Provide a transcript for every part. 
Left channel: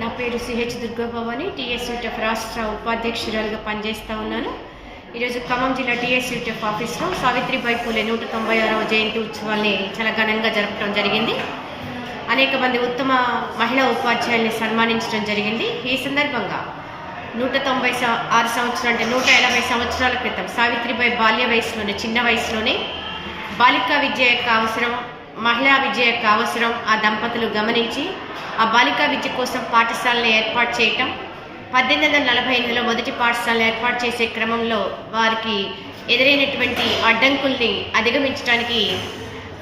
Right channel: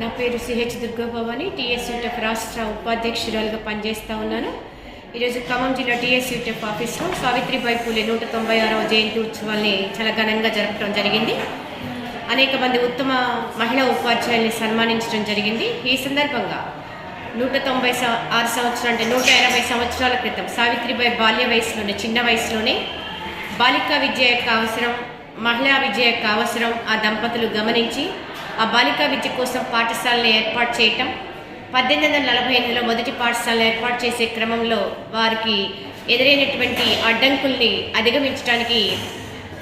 నా పేరు CH Durga Bhavani. TSUTF రాష్ట్ర ఉపాధ్యక్షురాలుగా పనిచేస్తూ ఉన్నాను. ఈరోజు ఖమ్మం జిల్లా టీఎస్యూటీఎఫ్ ఆఫీస్లో సావిత్రిబాయి పూలే 196వ జయంతి ఉత్సవాల్ని చాలా ఘనంగా జరపడం జరిగింది. అనేక మంది ఉత్తమ మహిళా ఉపాధ్యాయుల్ని సన్మానించడం జరిగింది. ఈ సందర్భంగా 196 సంవత్సరాలు అంటే 180 సంవత్సరాల క్రితం సావిత్రిబాయి బాల్య వయసులోనే, చిన్న వయసులోనే బాలికా విద్య యొక్క అవసరం, మహిళా విద్య యొక్క అవసరం ఆ దంపతులు గమనించి ఆ బాలికా విద్య కోసం పాఠశాలను ఏర్పాటు చేయటం, 1848లో మొదటి పాఠశాలను ఏర్పాటు చేసే క్రమంలో వారికి ఎదురైనటువంటి అడ్డంకుల్ని అధిగమించడానికి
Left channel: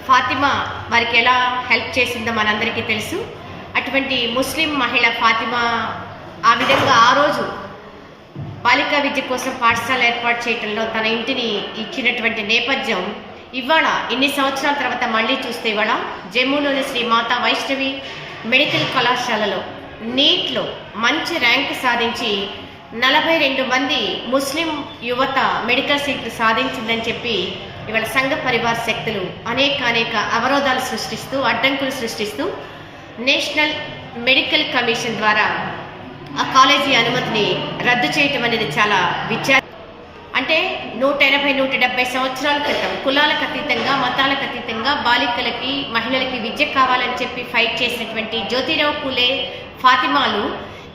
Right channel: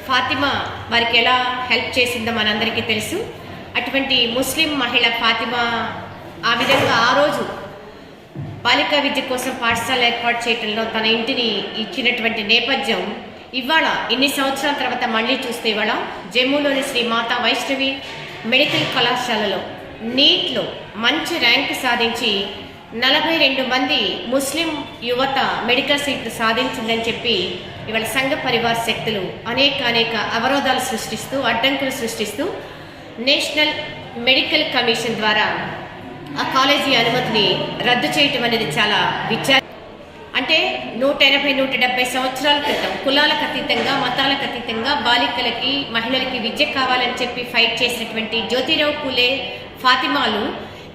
ఫాతిమా వారికి ఎలా హెల్ప్ చేసిందో మనందరికీ తెలుసు. అటువంటి ముస్లిం మహిళ ఫాతిమా ఆ విధంగా ఆ రోజు బాలికా విద్య కోసం పాఠశాల ఏర్పాటు చేయడంలో తన ఇంటిని ఇచ్చినటువంటి నేపథ్యం ఇవాళ ఇన్ని సంవత్సరాల తర్వాత మళ్ళీ చూస్తే ఇవాళ జమ్మూలోని శ్రీ మాతా వైష్ణవి మెడికల్ కళాశాలలో నీట్లో మంచి ర్యాంక్ సాధించి 42 మంది ముస్లిం యువత మెడికల్ సీట్లు సాధించిందని చెప్పి ఇవాళ సంఘ పరివార శక్తులు అనేక అవరోధాలు సృష్టిస్తూ, అడ్డంకులు సృష్టిస్తూ నేషనల్ మెడికల్ కమిషన్ ద్వారా ఆ కాలేజీ అనుమతిని రద్దు చేయటం అనేది చాలా అంటే 180-170 సంవత్సరాల క్రితం కులాలకు అతీతంగా, మతాలకు అతీతంగా బాలికలకి, మహిళలకి విద్య కావాలని చెప్పి ఫైట్ చేసినటువంటి జ్యోతిరావు పూలే, ఫాతిమాలు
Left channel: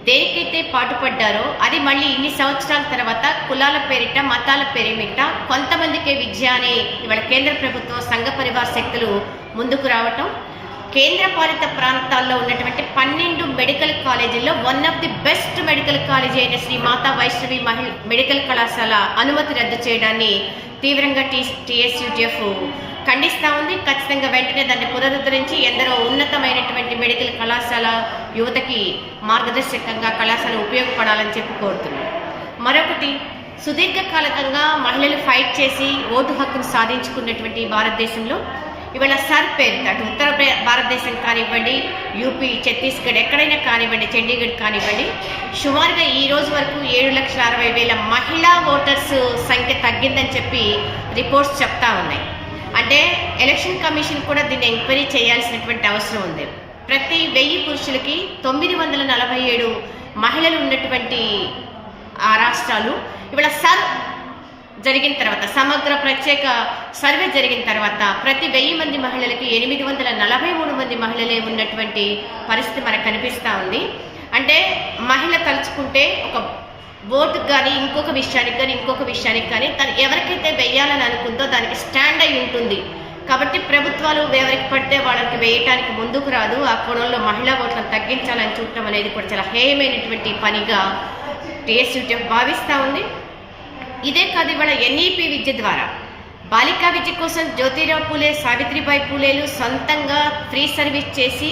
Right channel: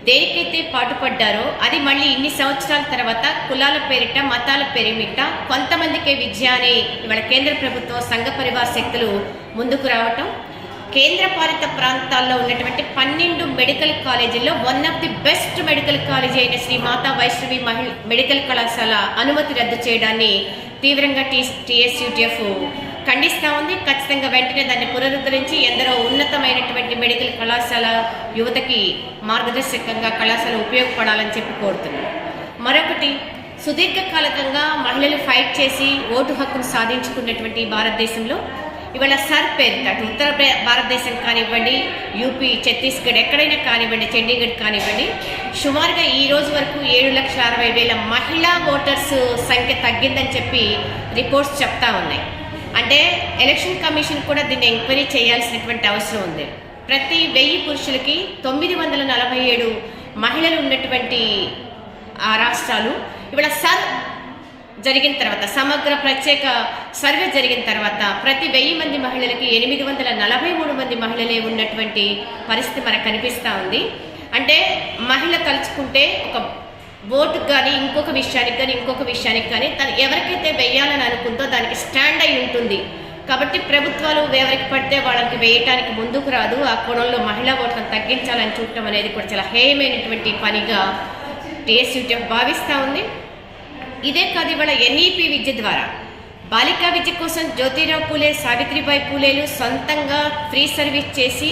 దేనికైతే పాటుపడ్డారో అది మళ్ళీ ఇన్ని సంవత్సరాల తర్వాత కులాల పేరిట, మతాల పేరిట కొంతమందికే విద్య అని ఇవాళ కేంద్ర ప్రభుత్వం, సంఘ పరివార శక్తులు ముందుకు రావటం, కేంద్ర పాలిత ప్రాంతాల్లో ఉన్నటువంటి 12 మెడికల్ కాలేజీల్లో one of the best medical college అయిన శ్రీ మాతా వైష్ణవి మెడికల్ కళాశాల అనుమతి రద్దు చేయడాన్ని తీవ్రంగా టీఎస్యూటీఎఫ్ ఖండిస్తూ ఉంది. ఖచ్చితంగా వెంటనే దాన్ని పునరుద్ధరించి ఎందరో ఉన్నతమైనటువంటి మెడికల్ కళాశాల యువతకి మార్గదర్శకంగా కళాశాల ఉపయోగపడాలని చెప్పి కోరుతున్నాను. మరొకటి, సుదీర్ఘకాలికంగా మహిళలు ఫైట్ చేసి ఓటు హక్కును సాధించుకున్నటువంటి భారతదేశంలో ఇవాళ సర్ పేరుతో అటు ఉత్తర భారతదేశం కానివ్వండి, యూపీ, ఛత్తీస్గఢ్ ఎక్కడైనా కానివ్వండి, చండీగఢ్ కానివ్వండి, సుమారుగా ఈ రోజు వరకు 7,60,000 మహిళా ఓటర్స్ సంఖ్య తగ్గిందని చెప్పి రిపోర్ట్స్ చెప్తా ఉన్నాయి. అంటే ఎలక్షన్ కమిషన్ కూడా దీన్ని ఎంక్వైరీ చేయాల్సినటువంటి అవసరం ఉంది. ప్రతి 1000 పురుషులకి 947 మహిళలు ఉన్నటువంటి ఆ రాష్ట్రాలు ఇవాళ సర్ జరిగిన తర్వాత, సమగ్ర ప్రత్యేక సర్వే జరిగిన తర్వాత ప్రతి 1000 మంది మహిళలకి 843 మంది మహిళలే ఉన్నటువంటి పరిస్థితి మనకు కనిపిస్తూ ఉంది. అంటే మహిళ తలుచుకుంటే ఒక ఓటుకు కానీ, ఇంకొక విషయానికి కానీ తను ఎవరికైతే వెయ్యాలని అనుకుందో దానికి స్టాండ్ అయి ఉంటుంది. కాబట్టి ప్రభుత్వాలు ఎవరికి పడితే వాళ్ళకి వేయటానికి ముందుకు రాదు. ఆ కోణంలో మహిళా ఓట్లను తగ్గించాలని చూడటం అనేది కూడా చాలా హేయమైనటువంటి పనిగా టీఎస్యూటీఎఫ్ భావిస్తూ ఉంది. ఇదే కాదు, ఇవాళ ఎన్ఈపీ విద్య ద్వారా బాలికా విద్య కోసం జ్యోతిరావు పూలే, సావిత్రిబాయి పూలేలు సొంతంగా ఫ్రీ సర్వీస్ చేసి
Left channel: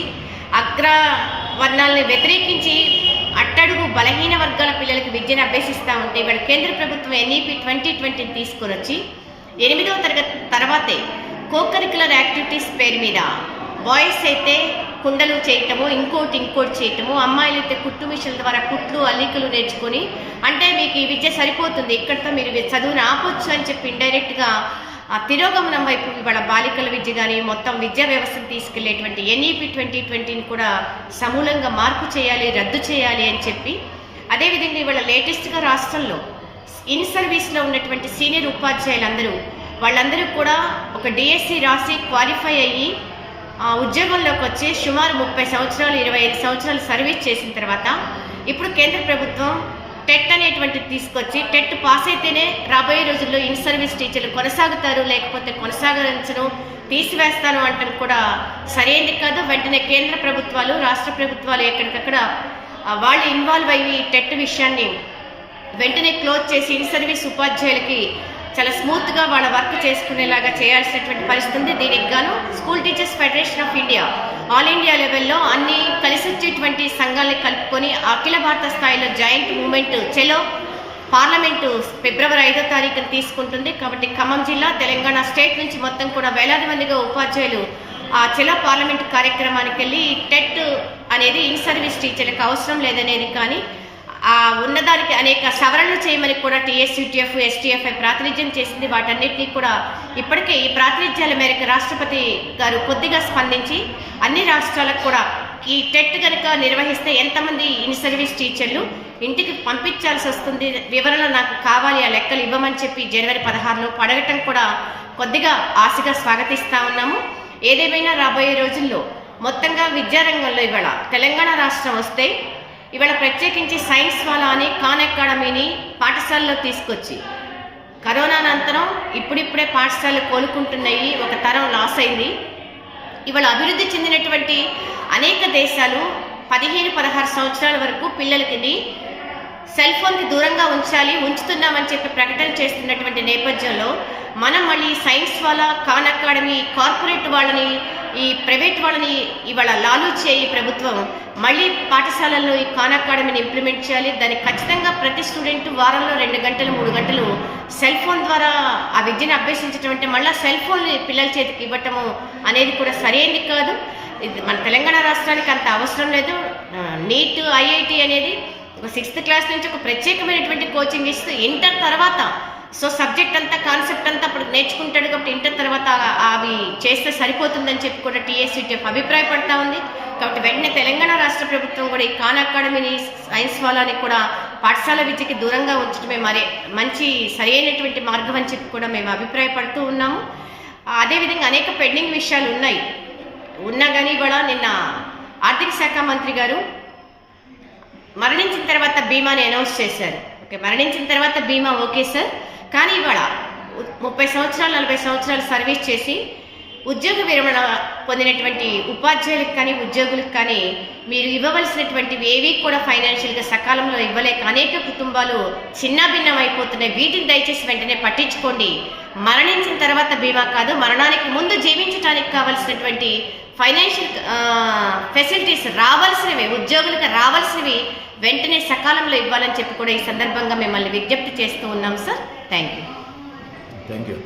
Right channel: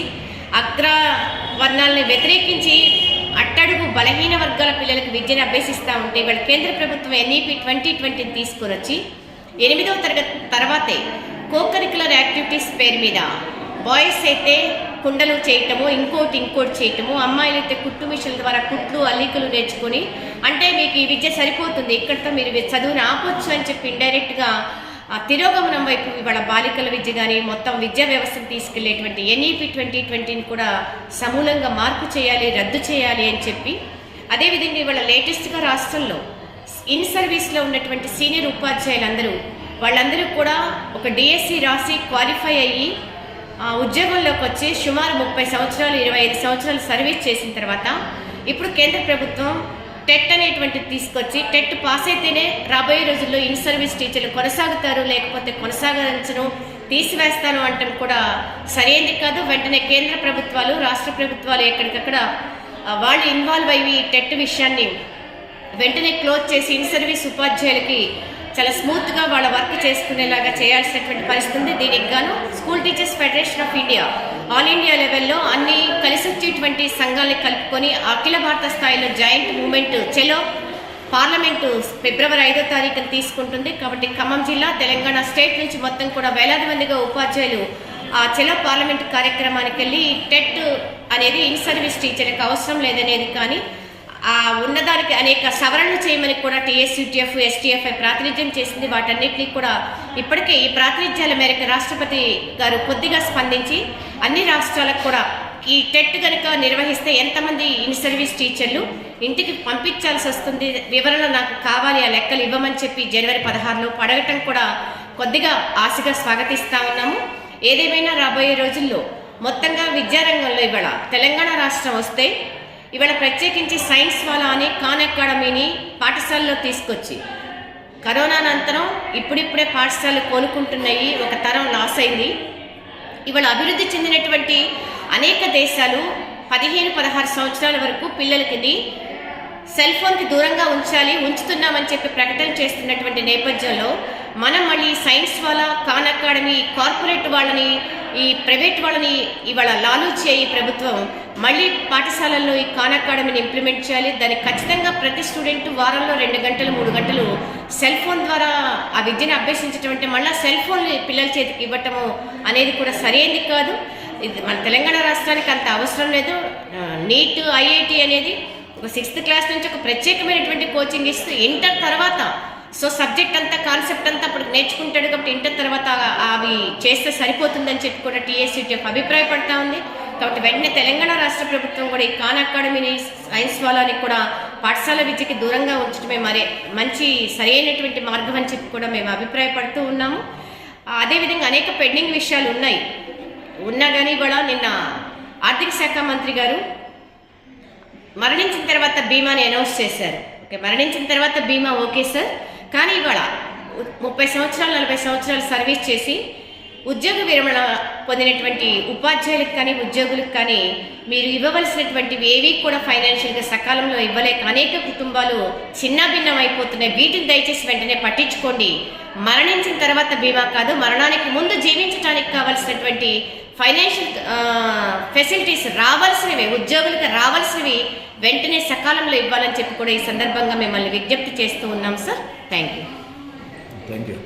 అగ్రవర్ణాలను వ్యతిరేకించి అట్టడుగు బలహీన వర్గాల పిల్లలకు విద్యను అభ్యసిస్తూ ఉంటే ఇవాళ కేంద్ర ప్రభుత్వం ఎన్ఈపీ 2020 తీసుకొని వచ్చి 8వ తరగతి తర్వాతే కోకరికులర్ యాక్టివిటీస్ పేరు మీద బాయ్స్ అయితే కుండలు చేయటము, ఇంకోటి చేయటము, అమ్మాయిలు అయితే కుట్టు మిషన్ల ద్వారా కుట్లు, అల్లికలు నేర్చుకొని, అంటే మీకు ఈ విద్య సరిపోతుంది, ఇక్కడితో మీరు చదువుని ఆపొచ్చు అని చెప్పి ఇండైరెక్ట్గా ఆ తిరోగమనం వైపు ఇవాళ బాలికల విద్య కానీ మొత్తం విద్యా వ్యవస్థను తీసుకెళ్లేటువంటి ఎన్ఈపీ 2020ని కూడా సమూలంగా మార్పు చేయాలి, రద్దు చేయాలి అని చెప్పి, అదేవిధంగా ఇవాళ లేటెస్ట్గా రాష్ట్రంలో ఇన్ సర్వీస్లో ఉన్నటువంటి సీనియర్ ఉపాధ్యాయులందరూ వాళ్ళందరూ కూడా ఒక డిఎస్సి రాసి క్వాలిఫై అయ్యి ఉద్యోగంలోకి వచ్చి సుమారు 30 సంవత్సరాలు, 25 సంవత్సరాలు సర్వీస్ చేసిన తర్వాత ఇప్పుడు కేంద్ర ప్రభుత్వం టెట్ అనేటువంటిది తీసుకొచ్చి టెట్ పాస్ అయితేనే రాబోయే రోజుల్లో ఇన్ సర్వీస్ టీచర్లు కొనసాగుతారు, లేకపోతే కొనసాగించను, తీసివేస్తాను అంటాం కూడా సరైనది కాదు. వెంటనే కేంద్ర ప్రభుత్వాలు, రాష్ట్ర ప్రభుత్వాలు ఎక్కడికక్కడ వాళ్ళు ఇన్వాల్వ్ అయ్యి టెట్ విషయాన్ని వెంటనే క్లోజ్ చేసి ఇన్ సర్వీస్ ఉపాధ్యాయులకి చాలా స్మూత్గా వాళ్ళ వర్క్ చేసుకునేలాగా చేయాల్సినటువంటి పరిస్థితి ఉంది. దీనికి గాను school teachers federation of India all India లెవెల్లో అన్ని కలిసి వచ్చేటువంటి సంఘాలని కలుపుకొని అఖిల భారత స్థాయిలో జాయింట్ మూవ్మెంట్ చెలో పార్లమెంటు ఫిబ్రవరి 5వ తారీఖున తీసుకుంటుంది. కాబట్టి ఖమ్మం జిల్లా, తెలంగాణ స్టేట్ నుంచి మొత్తం కూడా వేలాది మందిగా ఉపాధ్యాయులు ఆ చెలో పార్లమెంటు కార్యక్రమానికి వెళ్ళి టెట్ అనేది ఇన్ సర్వీస్ టీచర్లకు అవసరం లేదనేది కానీ ఆ ఉన్నదానికి అనేక సవరణలు చేయమని కూడా టీఎస్యూటీఎఫ్, ఎస్టీఎఫ్ఐ ప్రాతినిధ్యం చేసింది. వాటన్నిటినీ కూడా ఇప్పటికే ఈ ప్రాతినిధ్యాల మేరకు రాష్ట్రపతి గారు కొద్దిగా స్పందించి అన్ని రాష్ట్రాలకు కూడా ఈ టెట్ కనుక నిర్వహిస్తే ఎంతమంది ఇన్ సర్వీస్ టీచర్లు ఇంటికి పంపించాల్సి వస్తుంది, వివరణ నాకు కావాలి, ఆ లెక్కలు ఇవ్వమని చెప్పి జనవరి 16లో అడగటం కూడా కొద్దిగా ఆశగా స్వాగతిస్తూ ఉన్నాము. ఏదేమైనా రాబోయే రోజుల్లో మొత్తంగా విద్యారంగంలో ఇవాళ తెలంగాణ రాష్ట్రం వస్తే ఇవాళ ప్రత్యేకించి సైన్స్ వాలా అని ఖాన్ అకాడమీని పాఠశాలలో తీసుకొచ్చి కరోనా అనంతరం ఇప్పుడిప్పుడే పాఠశాలలు కోలుకుంటున్నాయి, ఒక తరం లాస్ అయింది. ఇవాళ అభివృద్ధి చెందినటువంటి అనేక దేశాలు 15-16 సంవత్సరాల వరకు పిల్లలకి సెల్ ఫోన్కి దూరంగా ఉంచుతున్నామని చెప్పి ప్రకటన చేస్తున్నటువంటి నేపథ్యంలో మనం మళ్ళీ సైన్స్ వాళ్ళ ఖాన్ అకాడమీ కార్పొరేట్ వాళ్ళని ఈ ప్రైవేట్ వాళ్ళని ఇవాళ లాలూచే ఈ ప్రభుత్వం మళ్ళీ పాఠశాలల్లో ఈ ఖాన్ అకాడమీని ఇంప్లిమెంట్ చేయాలి. దానికి ఖచ్చితంగా ప్రతి స్టూడెంట్ వారంలో 2 గంటలు 3 గంటలు సెల్ ఫోన్ ద్వారా ఆ విద్యను అభ్యసించడం అంటే మళ్ళీ సెల్ ఫోన్ పిల్లల చేతికి ఇవ్వటము అనేది కూడా సరైనది కాదు. ఇది మన తెలంగాణ రాష్ట్రానికి అంత అవసరం లేదు. నీట్ ఐఐటి అనేది ఒక 6th క్లాస్ నుంచి ఒక ప్రత్యేకమైనటువంటి కోచింగ్ ఇస్తూ ఇంటర్ తర్వాత సబ్జెక్ట్ అంతా కాన్సెప్ట్ అంతా అప్పుడు నేర్చుకుంటాడు కాబట్టి ఇంటర్ తర్వాత అవి చేస్తే సరిపోతుందని చెప్పి కూడా టీఎస్యూటీఎఫ్ అభిప్రాయపడతా ఉంది. కాబట్టి వెంటనే తెలంగాణ రాష్ట్ర ప్రభుత్వం కూడా ఈ ఖాన్ అకాడమీని సైన్స్ వాళ్ళని కూడా పాఠశాల విద్యకి దూరంగా ఉంచడమే మంచి సరైనటువంటి మార్గం అని చెప్పి కూడా మేము అభిప్రాయపడుతూ ఉన్నాము. అదేవిధంగా అనేక పెండింగ్ విషయాలు ఉన్నా కానీ కూడా నిన్న ఆర్థిక శాఖ మంత్రి గారు మరణించిన తర్వాత బీమాని అనౌన్స్ చేశారు. ఓకే, మరణించిన తర్వాత బీమా ఓకే సార్, కానీ ఇవాళ 30 సంవత్సరాలు 40 సంవత్సరాలు సర్వీస్ చేసి ఉద్యోగ విరమణ పొందినటువంటి ఉపాధ్యాయులకు కానీ ఉద్యోగులకు కానీ మీరు ఇవ్వవలసినటువంటివి ఏవి కూడా ఫైనాన్షియల్గా సకాలంలో ఇవ్వలేక అనేక కుటుంబాలు చిన్నాభిన్నం అయిపోతున్నాయి. వీటిని దయచేసి వెంటనే పట్టించుకోండి. మరణించిన తర్వాత బీమా కాదు, మరణానికి ముందు జీవించడానికి కావాల్సినటువంటి ఫైనాన్షియల్ ఫెసిలిటీస్ రావాల్సినవి, ఉద్యోగులకు రావాల్సినవి వెంటనే సకాలంలో ఇవ్వాలని చెప్పి కూడా ఈ సందర్భంగా మిమ్మల్ని విజ్ఞప్తి చేస్తూ ఉన్నాం సార్. Thank you.